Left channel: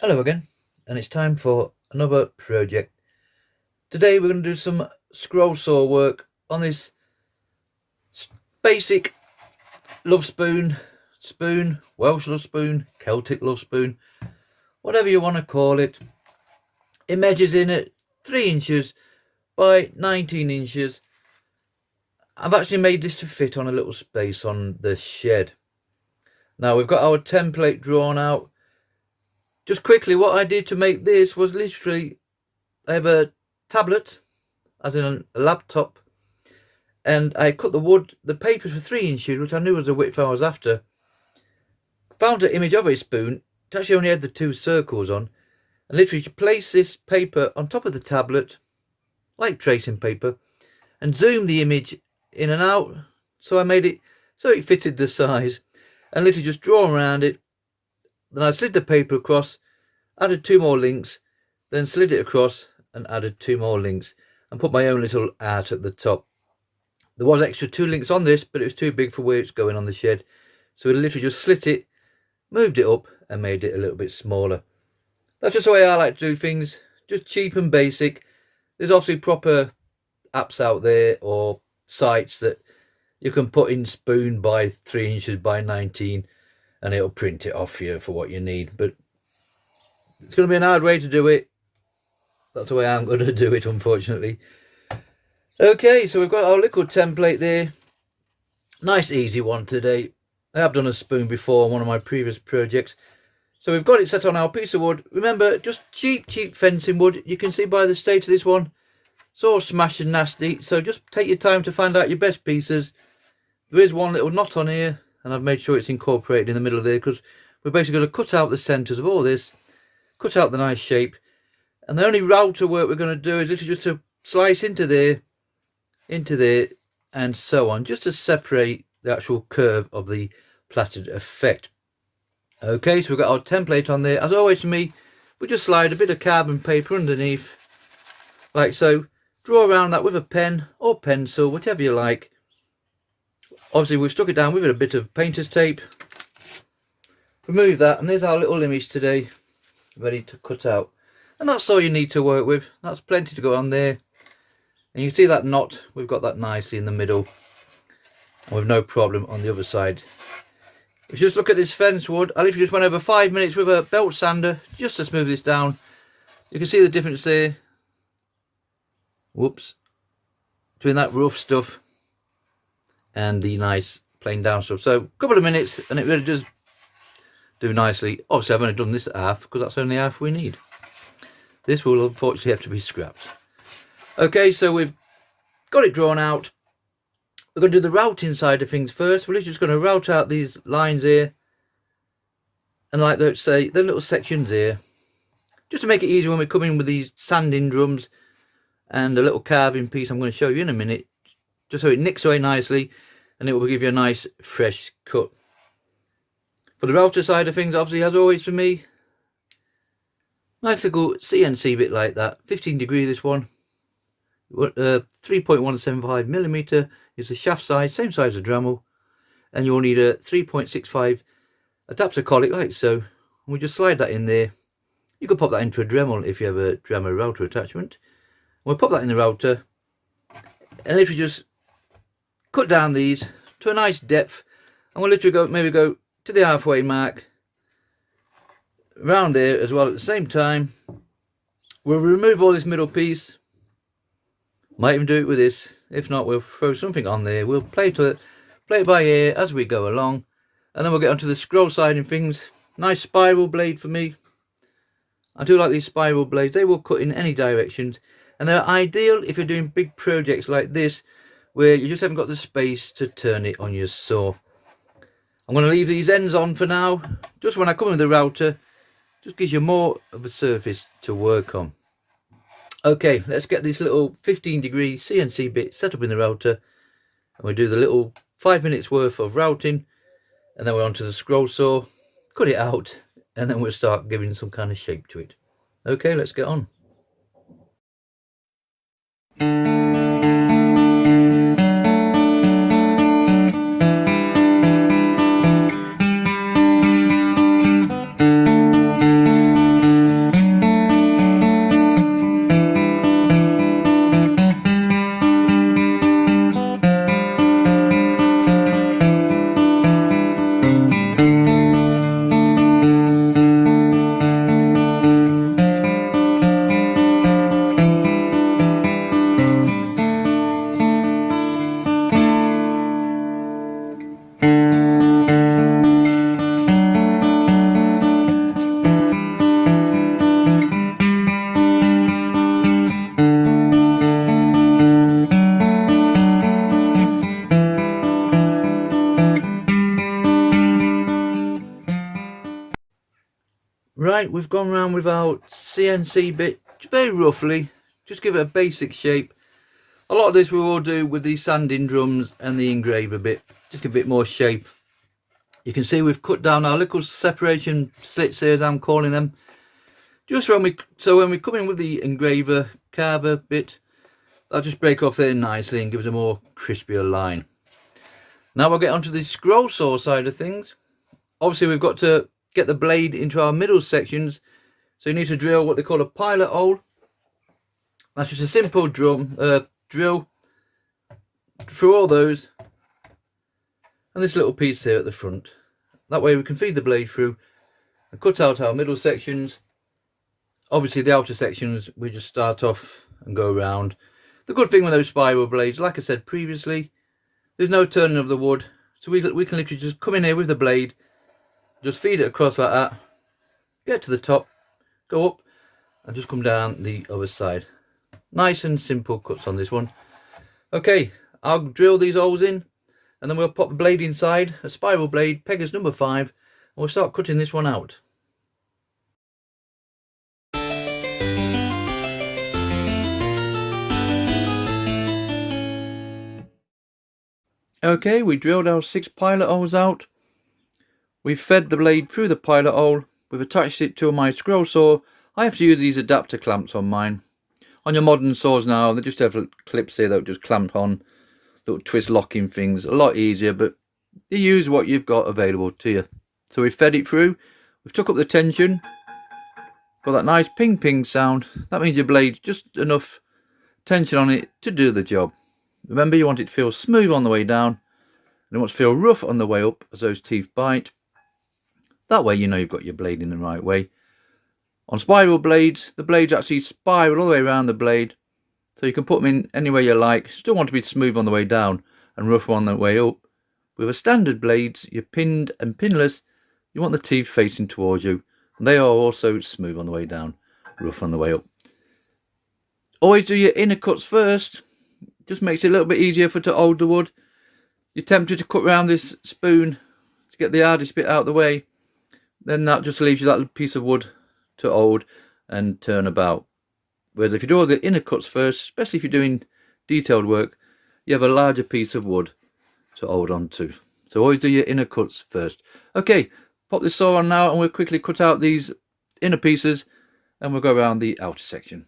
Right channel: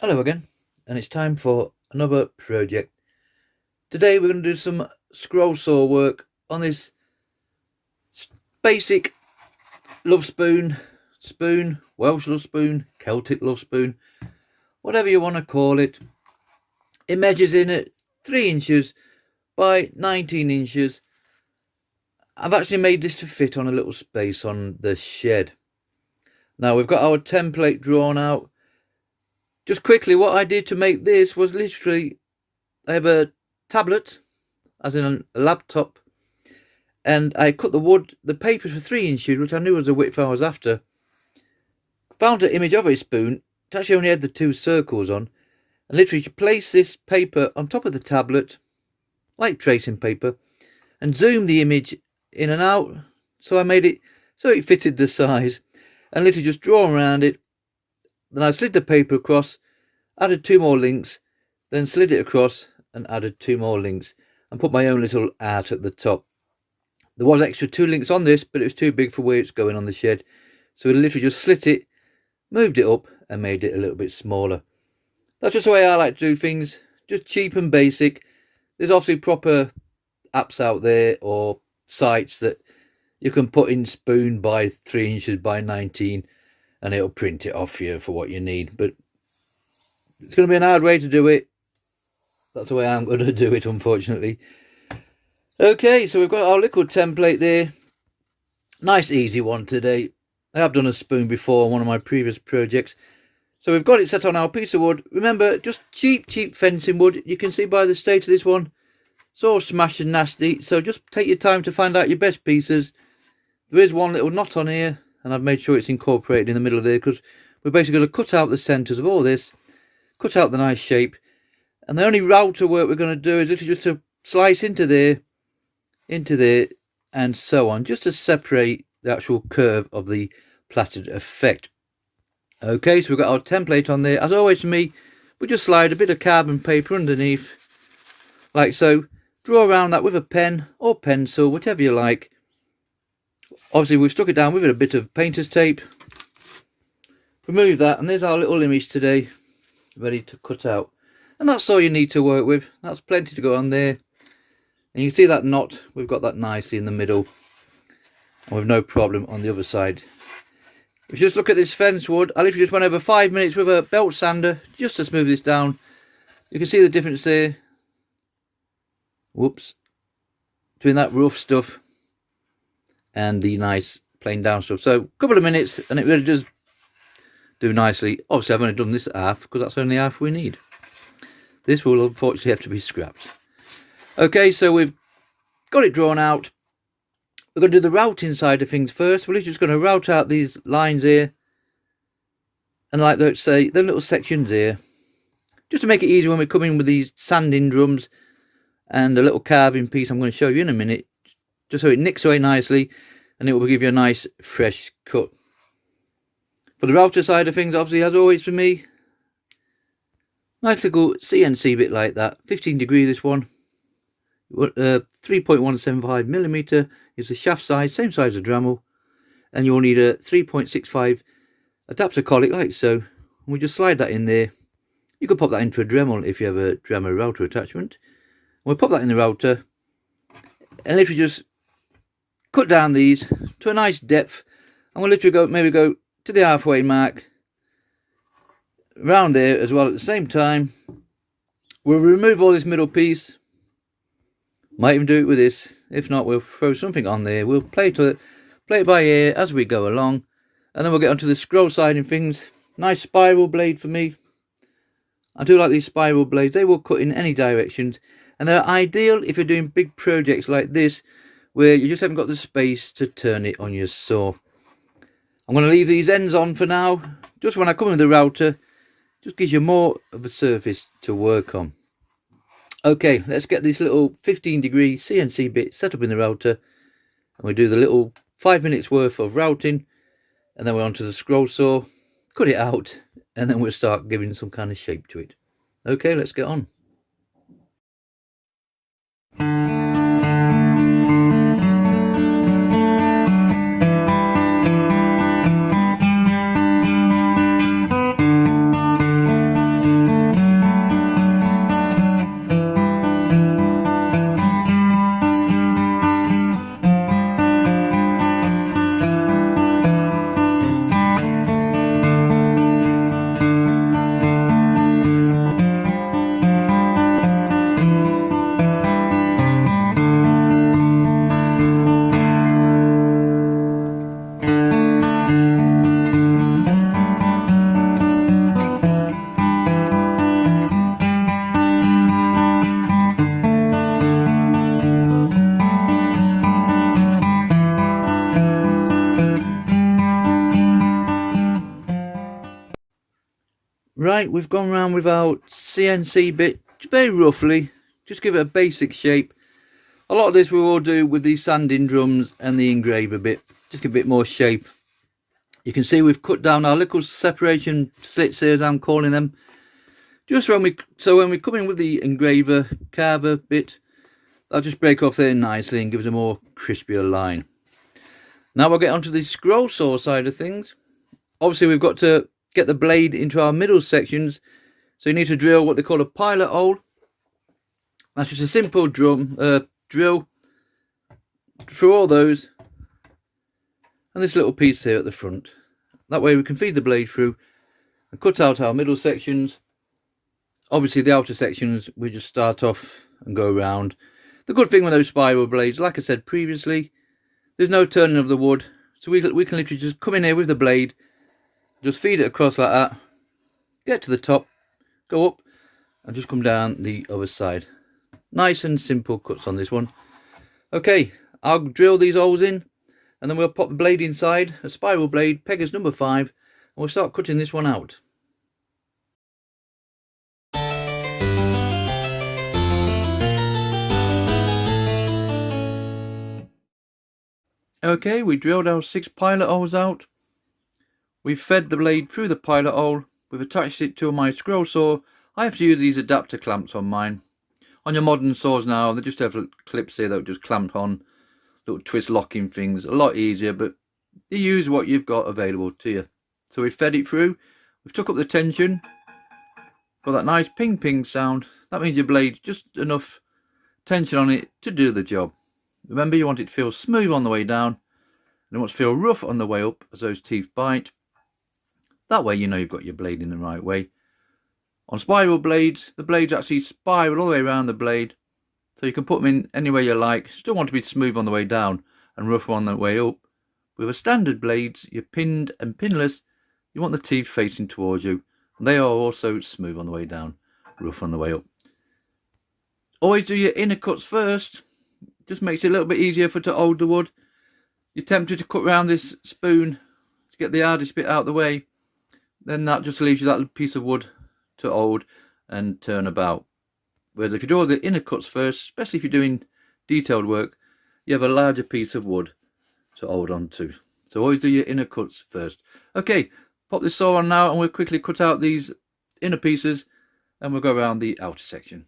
Hello again, and it's time for another project. Today we're going to do some scroll saw work on this basic love spoon, Welsh love spoon, Celtic love spoon, whatever you want to call it. It measures in at 3 inches by 19 inches. I've actually made this to fit on a little space on the shed. Now we've got our template drawn out. Just quickly, what I did to make this was literally, I have a tablet, as in a laptop, and I cut the paper for 3 inches, which I knew was the width I was after. Found an image of a spoon. It actually only had the 2 circles on, and literally to place this paper on top of the tablet, like tracing paper, and zoom the image in and out. So I made it so it fitted the size, and literally just draw around it. Then I slid the paper across, added 2 more links, then slid it across and added 2 more links, and put my own little art at the top. There was extra 2 links on this, but it was too big for where it's going on the shed, so we literally just slit it, moved it up, and made it a little bit smaller. That's just the way I like to do things, just cheap and basic. There's obviously proper apps out there or sites that you can put in spoon by 3 inches by 19, and it'll print it off you for what you need. But it's going to be an hard way to do it. That's the way I'm going to do it, unfortunately. Okay, so we've got our liquid template there. Nice easy one today. I have done a spoon before on one of my previous projects. So we've got it set on our piece of wood. Remember, just cheap fencing wood. You can see by the state of this one, it's all smashed and nasty. So just take your time to find out your best pieces. There is one little knot on here, and I've made sure it's incorporated in the middle of there, because we're basically going to cut out the centres of all this, cut out the nice shape, and the only router work we're going to do is literally just to slice into there, and so on, just to separate the actual curve of the plaited effect. Okay, so we've got our template on there. As always for me, we just slide a bit of carbon paper underneath, like so. Draw around that with a pen or pencil, whatever you like. Obviously we've stuck it down with a bit of painter's tape. Remove that, and there's our little image today, ready to cut out. And that's all you need to work with. That's plenty to go on there. And you can see that knot, we've got that nicely in the middle, and with no problem on the other side. If you just look at this fence wood, I literally just went over 5 minutes with a belt sander just to smooth this down. You can see the difference there. Whoops. Between that rough stuff and the nice plain down stuff. So a couple of minutes and it really does do nicely. Obviously I've only done this half because that's only half we need. This will unfortunately have to be scrapped. Okay, so we've got it drawn out. We're going to do the routing side of things first. We're just going to route out these lines here, and like let's say them little sections here, just to make it easy when we come in with these sanding drums and a little carving piece I'm going to show you in a minute, just so it nicks away nicely and it will give you a nice fresh cut. For the router side of things, obviously as always for me, nice little CNC bit like that, 15 degree this one, 3.175 millimeter is the shaft size, same size as Dremel, and you'll need a 3.65 adapter collet like so. And we just slide that in there. You could pop that into a Dremel if you have a Dremel router attachment. We'll pop that in the router, and literally just cut down these to a nice depth, and we'll literally maybe go to the halfway mark around there as well at the same time. We'll remove all this middle piece. Might even do it with this. If not, we'll throw something on there. We'll play it by ear as we go along, and then we'll get onto the scroll siding things. Nice spiral blade for me. I do like these spiral blades. They will cut in any directions, and they're ideal if you're doing big projects like this where you just haven't got the space to turn it on your saw. I'm going to leave these ends on for now. Just when I come with the router, just gives you more of a surface to work on. Okay, let's get this little 15 degree CNC bit set up in the router, and we do the little 5 minutes worth of routing, and then we're onto the scroll saw, cut it out, and then we'll start giving some kind of shape to it. Okay, let's get on. Right, we've gone round with our CNC bit, very roughly, just give it a basic shape. A lot of this we will do with the sanding drums and the engraver bit, just give a bit more shape. You can see we've cut down our little separation slits here, as I'm calling them, just when we come in with the engraver carver bit, I'll just break off there nicely and give us a more crispier line. Now we'll get onto the scroll saw side of things. Obviously we've got to get the blade into our middle sections, so you need to drill what they call a pilot hole. That's just a simple drill through all those and this little piece here at the front. That way we can feed the blade through and cut out our middle sections. Obviously the outer sections we just start off and go around. The good thing with those spiral blades, like I said previously, there's no turning of the wood, so we can literally just come in here with the blade, just feed it across like that, get to the top, go up and just come down the other side. Nice and simple cuts on this one. Okay, I'll drill these holes in and then we'll pop the blade inside, a spiral blade, pegas number 5, and we'll start cutting this one out. Okay, we drilled our 6 pilot holes out. We've fed the blade through the pilot hole. We've attached it to my scroll saw. I have to use these adapter clamps on mine. On your modern saws now, they just have clips here that just clamp on, little twist locking things. A lot easier, but you use what you've got available to you. So we've fed it through. We've took up the tension. Got that nice ping ping sound. That means your blade's just enough tension on it to do the job. Remember, you want it to feel smooth on the way down, and you want it to feel rough on the way up as those teeth bite. That way you know you've got your blade in the right way. On spiral blades, the blades actually spiral all the way around the blade, so you can put them in anywhere you like. Still want to be smooth on the way down and rough on the way up. With a standard blades, you're pinned and pinless, you want the teeth facing towards you, and they are also smooth on the way down, rough on the way up. Always do your inner cuts first. Just makes it a little bit easier to hold the wood. You're tempted to cut around this spoon to get the hardest bit out of the way, then that just leaves you that little piece of wood to hold and turn about. Whereas if you do all the inner cuts first, especially if you're doing detailed work, you have a larger piece of wood to hold on to. So always do your inner cuts first. Okay, pop this saw on now and we'll quickly cut out these inner pieces and we'll go around the outer section.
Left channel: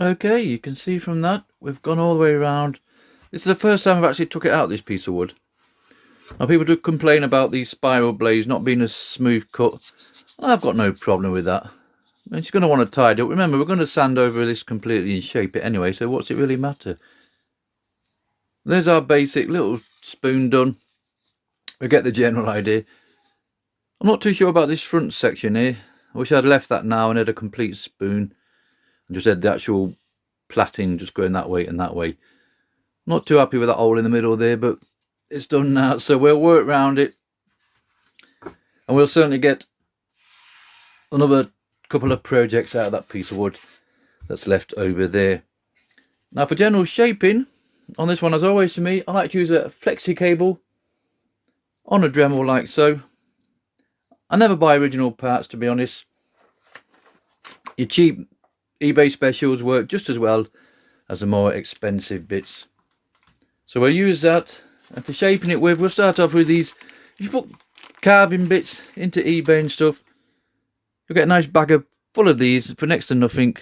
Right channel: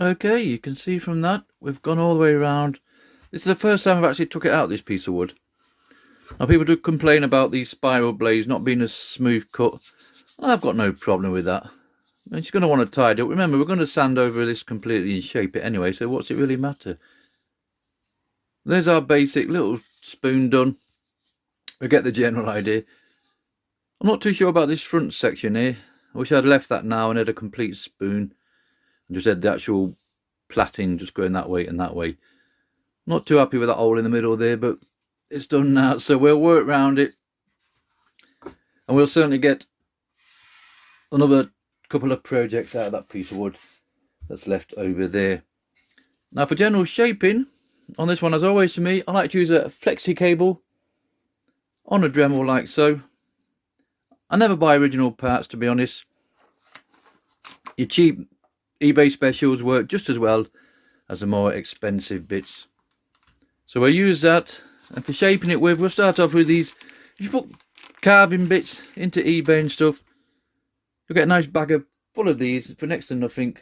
Okay, you can see from that we've gone all the way around. This is the first time I've actually took it out, this piece of wood. Now people do complain about these spiral blades not being a smooth cut. I've got no problem with that. And you're going to want to tidy up. Remember, we're going to sand over this completely and shape it anyway, so what's it really matter? There's our basic little spoon done. We get the general idea. I'm not too sure about this front section here. I wish I'd left that now and had a complete spoon. And just had the actual plaiting just going that way and that way. Not too happy with that hole in the middle there, but it's done now, so we'll work around it. And we'll certainly get another couple of projects out of that piece of wood that's left over there. Now for general shaping on this one, as always for me, I like to use a flexi cable on a Dremel like so. I never buy original parts, to be honest. Your cheap eBay specials work just as well as the more expensive bits. So we'll use that, and for shaping it with, we'll start off with these. If you put carving bits into eBay and stuff, you'll get a nice bag full of these for next to nothing.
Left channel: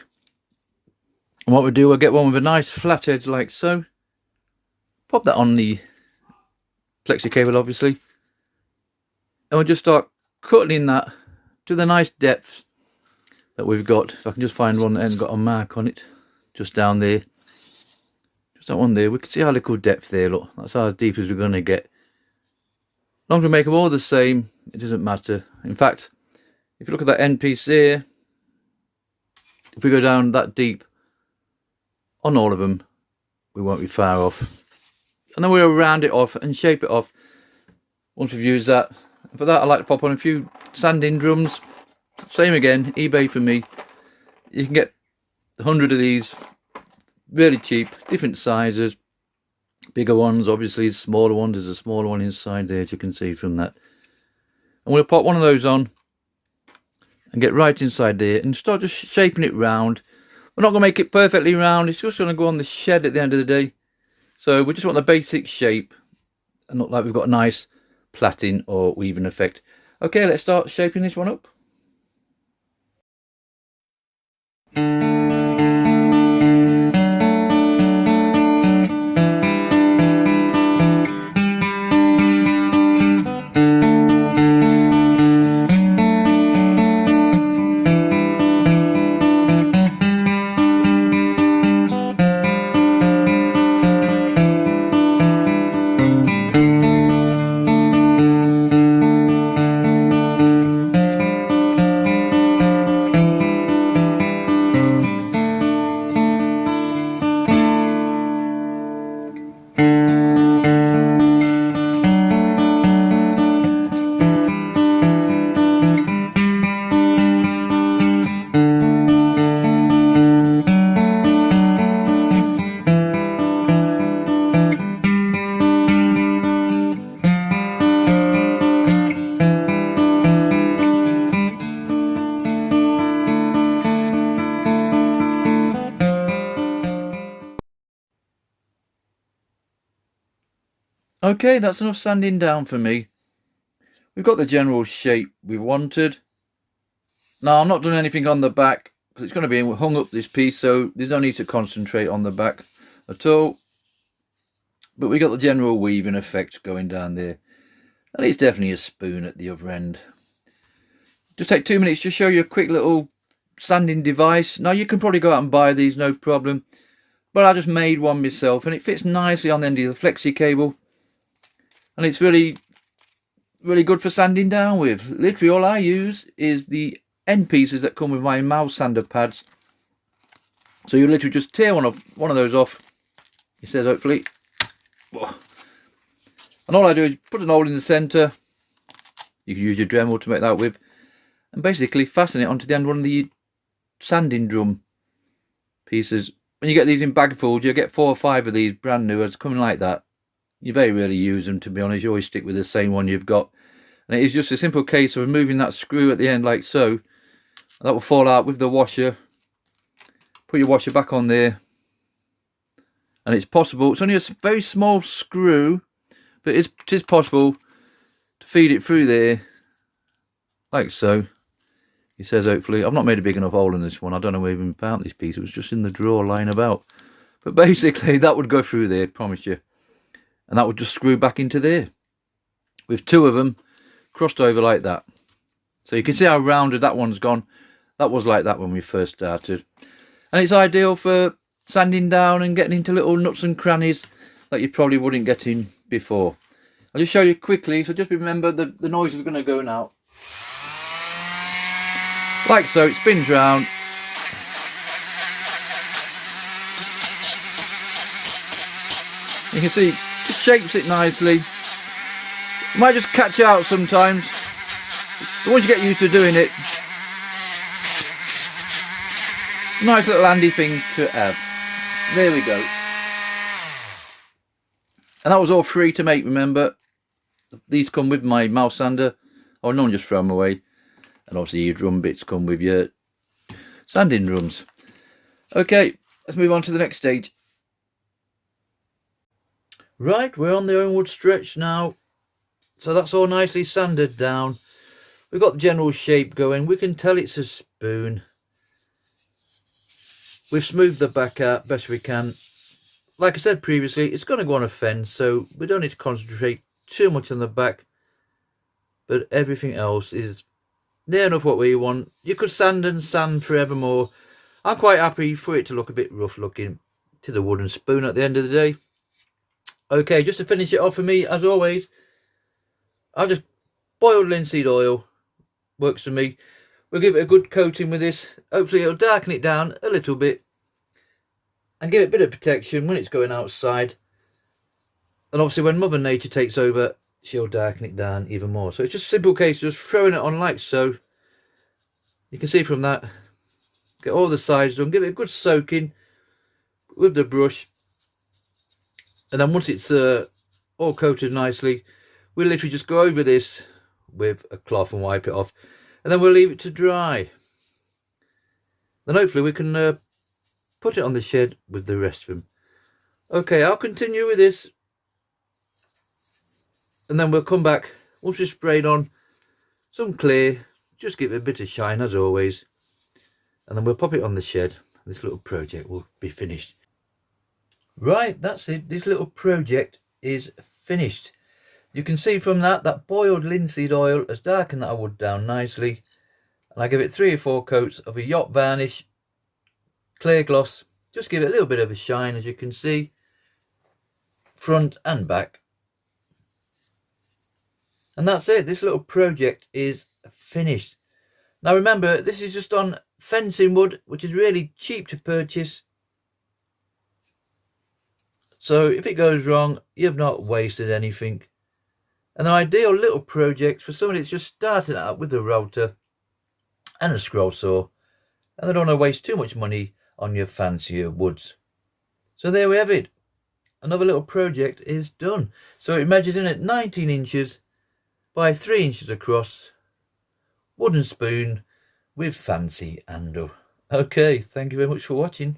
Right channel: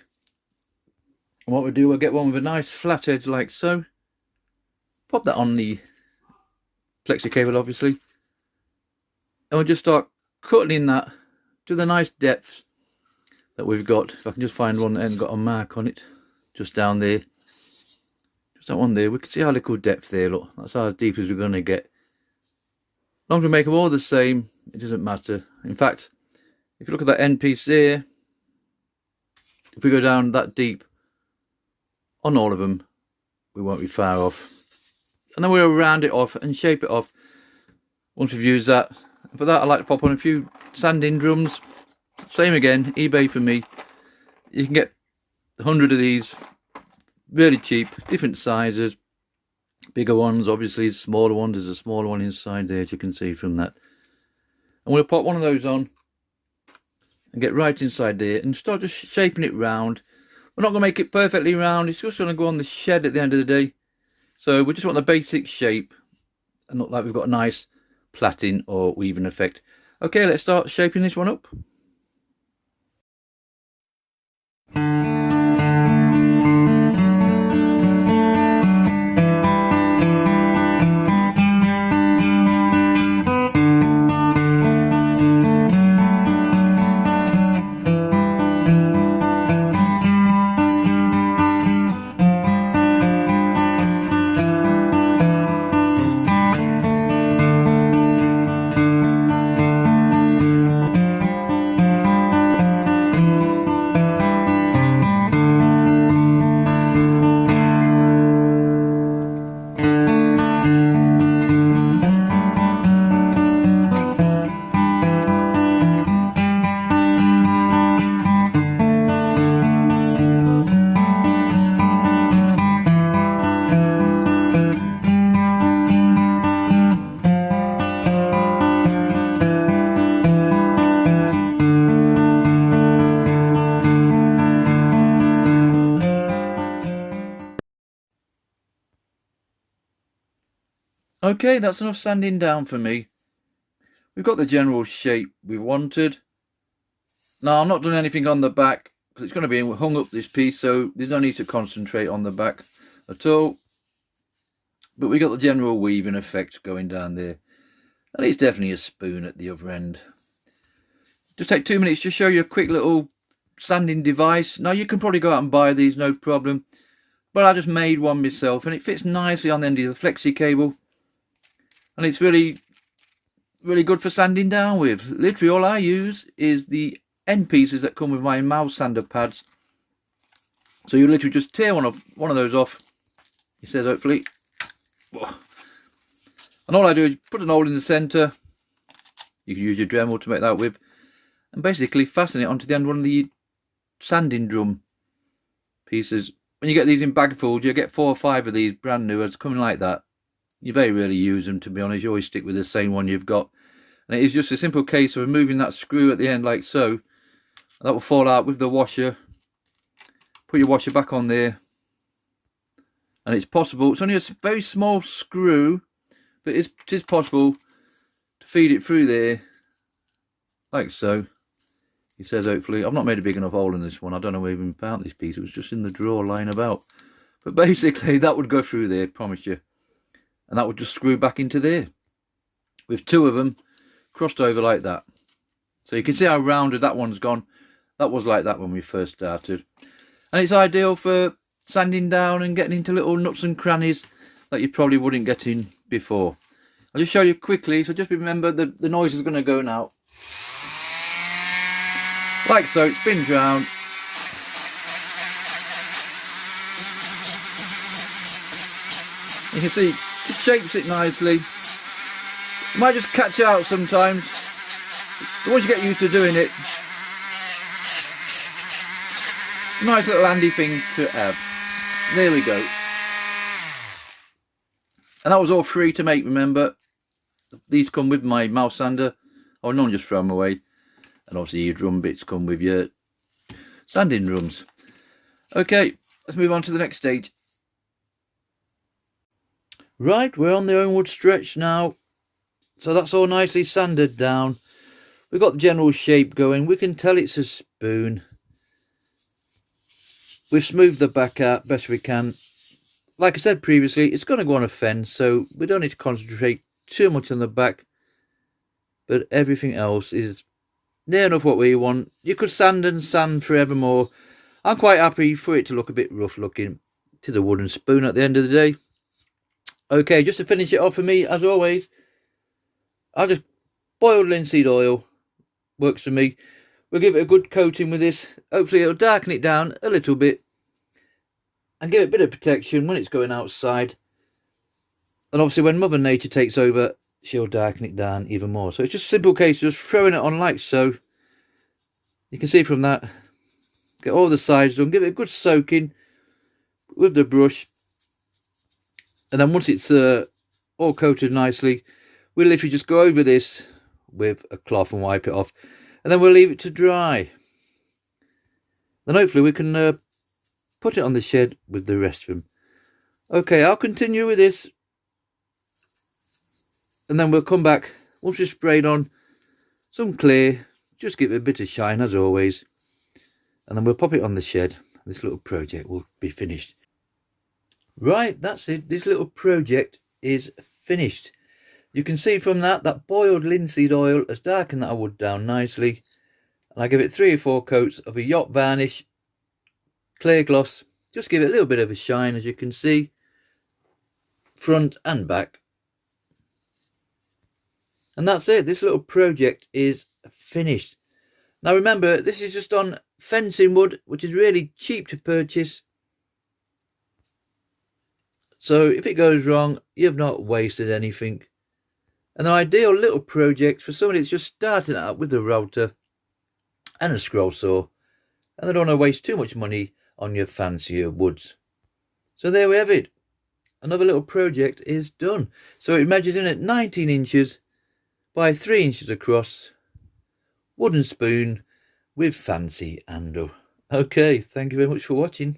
And what we'll do, we'll get one with a nice flat edge like so. Pop that on the flexi cable, obviously. And we'll just start cutting that to the nice depths that we've got. If I can just find one that hasn't got a mark on it, just down there. Just that one there. We can see our little depth there, look. That's how deep as we're going to get. As long as we make them all the same, it doesn't matter. In fact, if you look at that end piece there, if we go down that deep on all of them, we won't be far off. And then we'll round it off and shape it off once we've used that. And for that, I like to pop on a few sanding drums. Same again, eBay for me. You can get 100 of these, really cheap, different sizes. Bigger ones, obviously, smaller ones. There's a smaller one inside there, as you can see from that. And we'll pop one of those on and get right inside there and start just shaping it round. We're not going to make it perfectly round. It's just going to go on the shed at the end of the day. So we just want the basic shape and look like we've got a nice plaiting or weaving effect. Okay, let's start shaping this one up. Okay, that's enough sanding down for me. We've got the general shape we wanted. Now, I'm not doing anything on the back because it's going to be hung up this piece, so there's no need to concentrate on the back at all. But we got the general weaving effect going down there. And it's definitely a spoon at the other end. Just take 2 minutes to show you a quick little sanding device. Now, you can probably go out and buy these, no problem. But I just made one myself, and it fits nicely on the end of the flexi cable. And it's really, really good for sanding down with. Literally all I use is the end pieces that come with my mouse sander pads. So you literally just tear one of those off. He says, hopefully. And all I do is put an hole in the centre. You can use your Dremel to make that with. And basically fasten it onto the end of one of the sanding drum pieces. When you get these in bagfuls, you get 4 or 5 of these brand new as coming like that. You very rarely use them, to be honest. You always stick with the same one you've got. And it is just a simple case of removing that screw at the end like so. That will fall out with the washer. Put your washer back on there. And it's possible, it's only a very small screw, but it is possible to feed it through there like so. He says, hopefully. I've not made a big enough hole in this one. I don't know where I even found this piece. It was just in the drawer lying about. But basically, that would go through there, promise you. And that would just screw back into there. With 2 of them crossed over like that. So you can see how rounded that one's gone. That was like that when we first started. And it's ideal for sanding down and getting into little nuts and crannies that you probably wouldn't get in before. I'll just show you quickly. So just remember the noise is going to go now. Like so, it spins round. You can see it shapes it nicely. It might just catch out sometimes. But once you get used to doing it, Nice little handy thing to have. There we go. And that was all free to make, remember. These come with my mouse sander. Oh, none, just throw them away. And obviously your drum bits come with your sanding drums. Okay, let's move on to the next stage. Right, we're on the onward stretch now. So that's all nicely sanded down. We've got the general shape going. We can tell it's a spoon. We've smoothed the back out best we can. Like I said previously, it's going to go on a fence, so we don't need to concentrate too much on the back. But everything else is near enough what we want. You could sand and sand forevermore. I'm quite happy for it to look a bit rough looking. It is a wooden spoon at the end of the day. Okay, just to finish it off for me, as always, I'll just boiled linseed oil. Works for me. We'll give it a good coating with this. Hopefully it'll darken it down a little bit and give it a bit of protection when it's going outside. And obviously when Mother Nature takes over, she'll darken it down even more. So it's just a simple case of just throwing it on like so. You can see from that, get all the sides done, give it a good soaking with the brush. And then once it's all coated nicely, we'll literally just go over this with a cloth and wipe it off. And then we'll leave it to dry. Then hopefully we can put it on the shed with the rest of them. Okay, I'll continue with this. And then we'll come back once we've sprayed on some clear. Just give it a bit of shine as always. And then we'll pop it on the shed. This little project will be finished. Right, that's it. This little project is finished. You can see from that boiled linseed oil has darkened that wood down nicely. And I give it 3 or 4 coats of a yacht varnish, clear gloss. Just give it a little bit of a shine, as you can see, front and back. And that's it. This little project is finished. Now remember, this is just on fencing wood, which is really cheap to purchase. So if it goes wrong, you've not wasted anything. An ideal little project for somebody that's just starting out with a router and a scroll saw, and they don't want to waste too much money on your fancier woods. So there we have it. Another little project is done. So it measures in at 19 inches by 3 inches across. Wooden spoon with fancy handle. Okay, thank you very much for watching.